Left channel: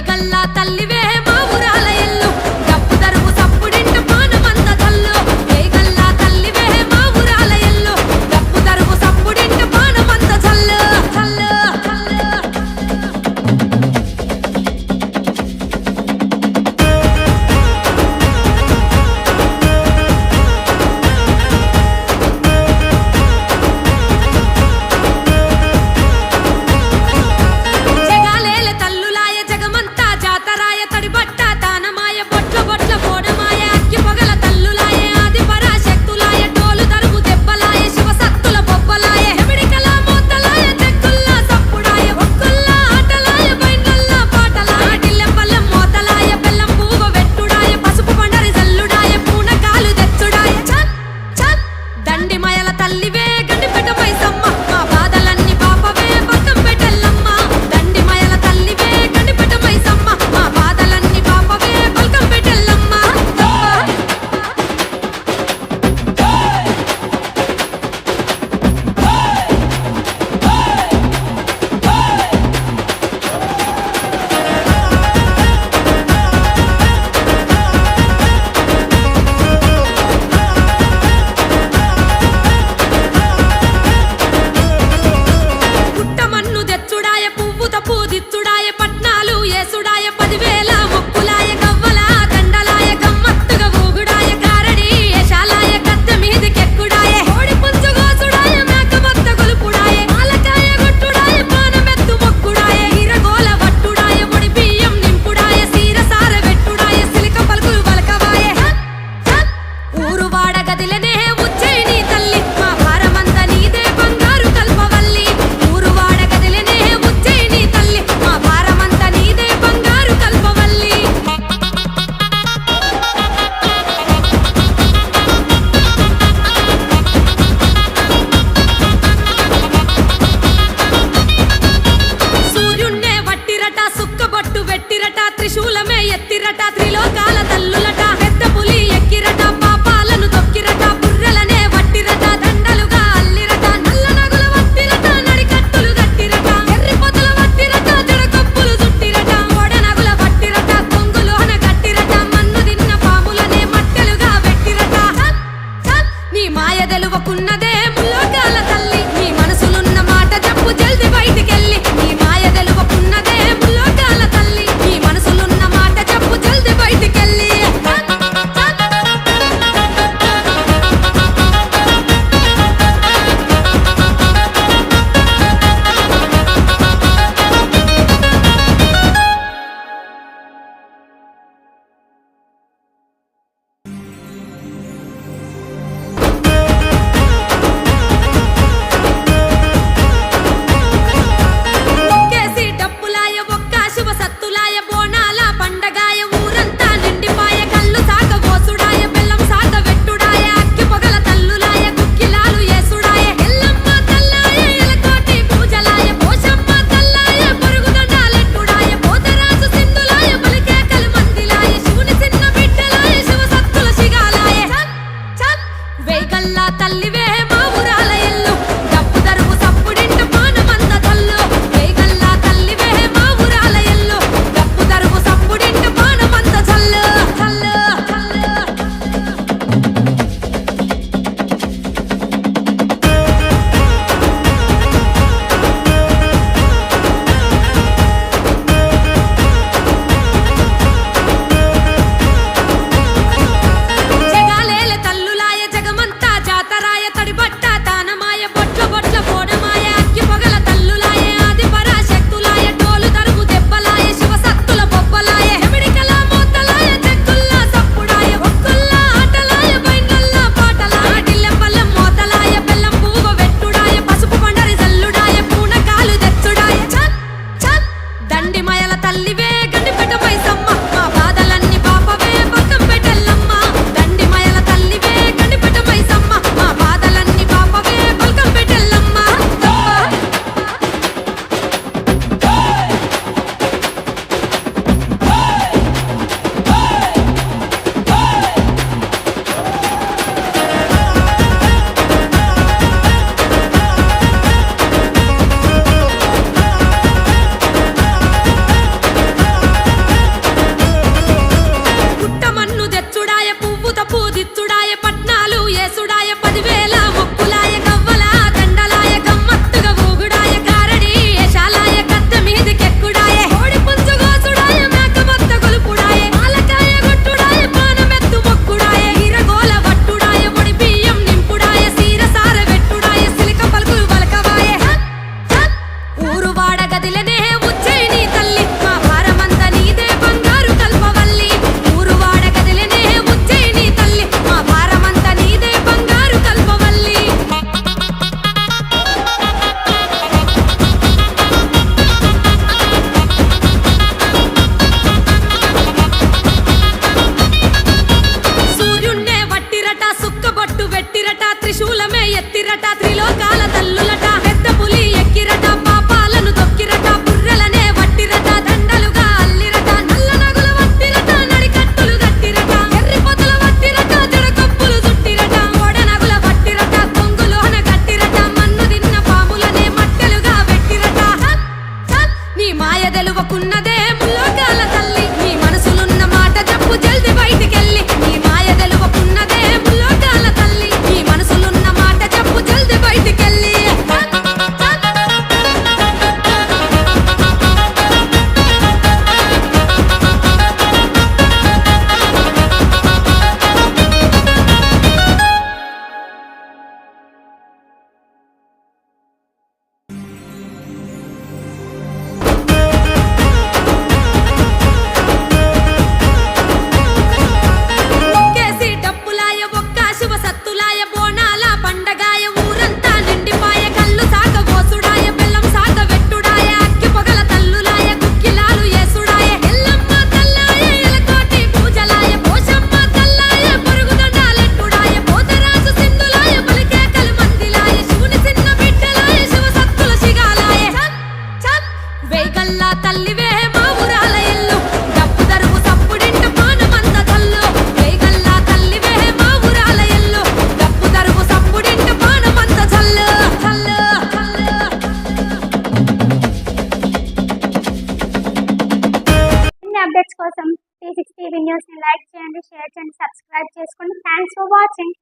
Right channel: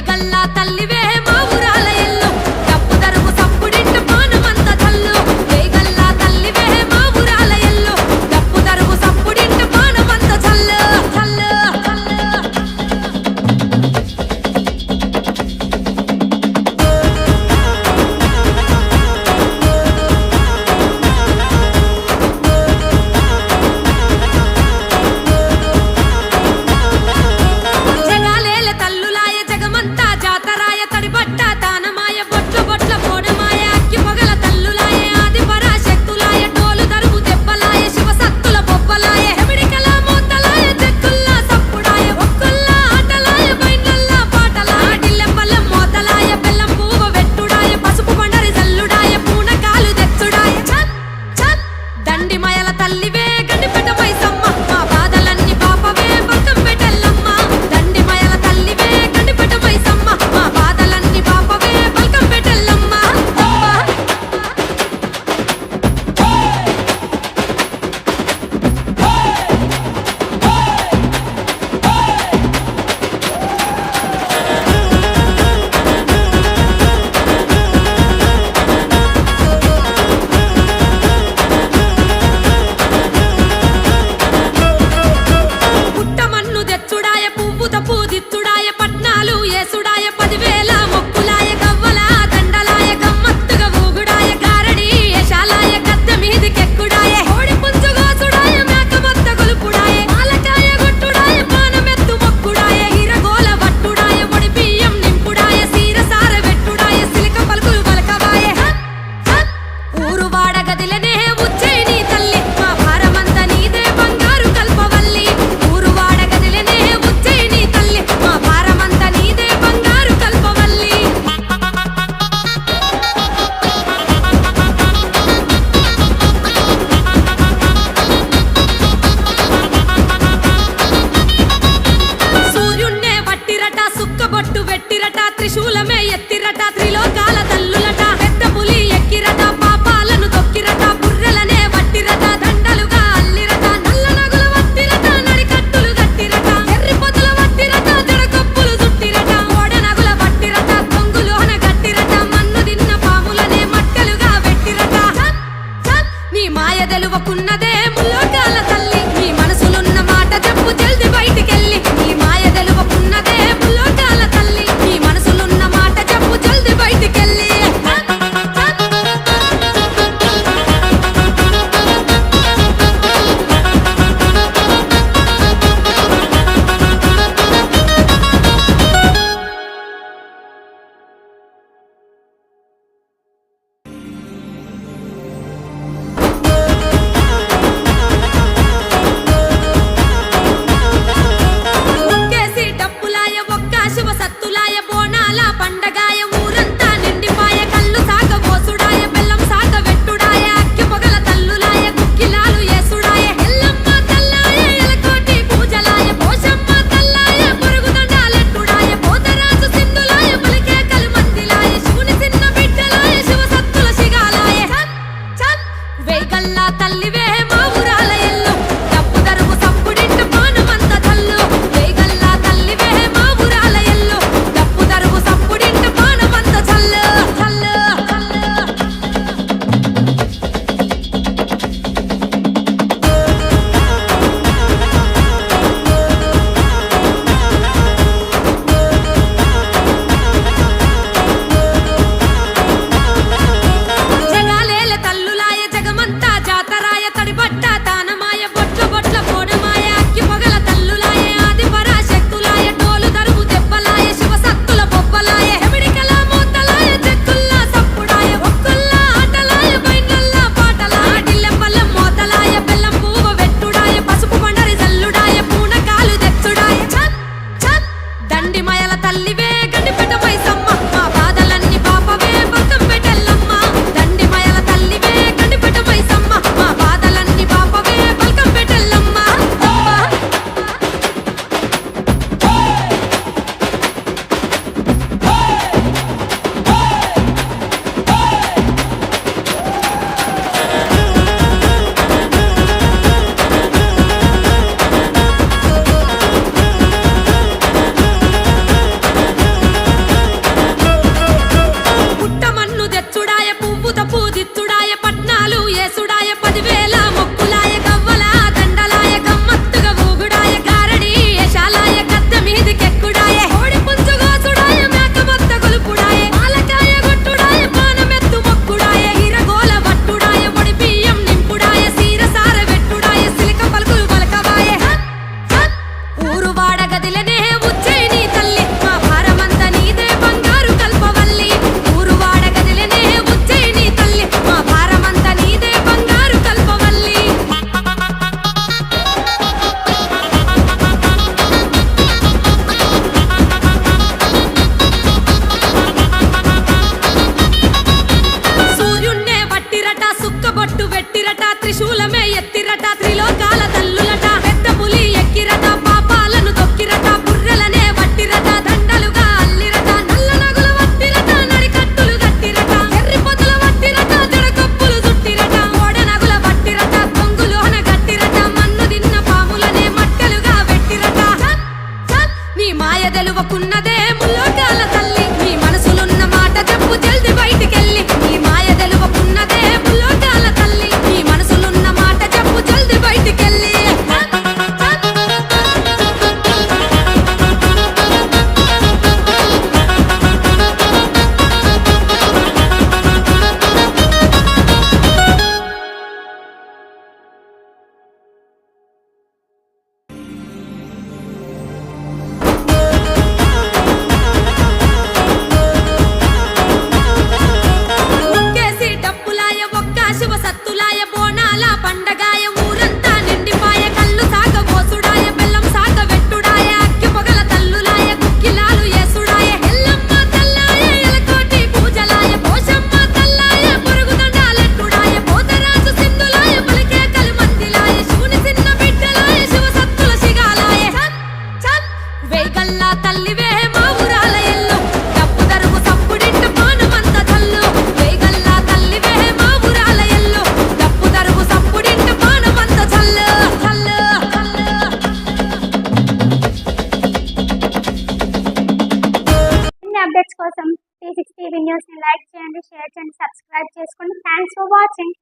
వేగల్లా తల్లివే మా ఊరాల ఎల్లు డప్పు దరువు సప్పుడింట పానమంత చల్లు వేగల్లా తల్లివే మా ఊరాల ఎల్లు డప్పు దరువు సప్పుడింట పానమంత చల్లు చల్లు చల్లు తడిబట్ట తానమాయ బొట్ల బొట్ల పోడమాయ అక్కి పొగల తల్లులాయ ఆది పరాశక్తులాయ డోలు దరువు దెబ్బలాయ శివ సత్తుల బొబ్బలాయ ఎమిడికల మోతలాయ చెక్కుల్లా సప్పుడాయ ఒక్కుల్లా ఆటలాయ బైండ్లల్లా పాటలాయ టిల్లెం పల్లెం మోతలాయ బెల్లం పువ్వు వెట్టుడాయ పసుపు పండరి జల్లుడాయ పూనకాలు తెచ్చుడాయ చల్ చల్ దండిమయల తల్లివే గండిపెట మైసమ్మ మా బాధలన్నీ పాపవే బల్కం పెట్టెల్లమ్మ దండిమయల తల్లివే గండిపెట మైసమ్మ మా బాధలన్నీ పాపవే బల్కం పెట్టెల్లమ్మ పుట్టమన్ను తెచ్చుడాయ పువ్వుత పూదిచ్చుడాయ పట్నాలు ఏసుడాయ 10,000 మొక్కులాయ గవ్వల దండలాయ గమ్మత్తుగా ఊగుడాయ గారడి ఏషాలాయ గద్దె మీదికెక్కుడాయ కోడి పుంజు గోసుడాయ మేక మొత్త గొలుపుడాయ పాలకాయ గొట్టుడాయ పానమెత్తు మొక్కుడాయ ఈరగోల వట్టుడాయ ఒడి బియ్యం నింపుడాయ సీరసార వెట్టుడాయ సిలిక పలుకులు వలకవాయ ఊరు వాడ గదిలనే ఉజ్జయిని తల్లి మా భారమంతా నీదే బంగారు కల్పవల్లి ఊరు వాడ గదిలనే ఉజ్జయిని తల్లి మా భారమంతా నీదే బంగారు కల్పవల్లి సూర్యున్నే వట్టిరట సుక్కబొట్టు వెట్టిరట త్రిశూలమే ఎత్తిరట త్రిలోకాల తల్లులట పెద్ద పులి ఎక్కిరట పాపాలను దొక్కిరట పుర్రెలనే వట్టిరట దండలుగా అల్లిరట నల్ల నగుల వట్టిరట నడికట్టులు గట్టిరట ఎర్రి పొదల వట్టిరట జడకొప్పులు జుట్టిరట ఓడ నగుల వట్టిరట కొంగులోన గట్టిరట మన్ను దిన్న పాములనే మట్టెలుగా వెట్టిరట నీ మాయ తెలువకున్నదే ముల్లోకాల తల్లి నీ మనసులున్న మాట చెప్పు జల్ది బయటికెళ్ళి నీ మాయ తెలువకున్నదే ముల్లోకాల తల్లి నీ మనసులున్న మాట చెప్పు జల్ది బయటికెళ్ళి కోరుకున్నదే ముల్లోకాల తల్లి నీ మనసులున్న మాట చెప్పు జల్ది బయటికెళ్ళి ఒక్కేసి డప్పులాయ ఒక్క శివ సత్తులాయ బోనాల పండగాయ ఊరంతా నిండిపాయ కళ్ళు సాగ ఓసుడాయ బెల్లం సాగ వెట్టుడాయ అక్కి పొగల తల్లులాయ గుక్కిలాలు ఏసుడాయ ఎల్లమ్మ తల్లాయ ఎలకోటి పూజలాయ పోషమ్మ తల్లాయ పొరుగు దండాలెట్టుడాయ పోతరాజు సింధులాయ పలికే కలిమందిలాయ శివుని చిన్న బిడ్డలాయ శివ సత్తుల శిగాలాయ చల్ చల్ వేగల్లా తల్లివే మా ఊరాల ఎల్లు డప్పు దరువు సప్పుడింట పానమంత చల్లు వేగల్లా తల్లివే మా ఊరాల ఎల్లు డప్పు దరువు సప్పుడింట పానమంత చల్లు చల్లు చల్లు అన్ని అప్డేట్స్ కోసం 360 న్యూస్ ని లైక్ చేయండి, షేర్ చేయండి, సబ్స్క్రైబ్ చేసుకోండి. Thanks for watching.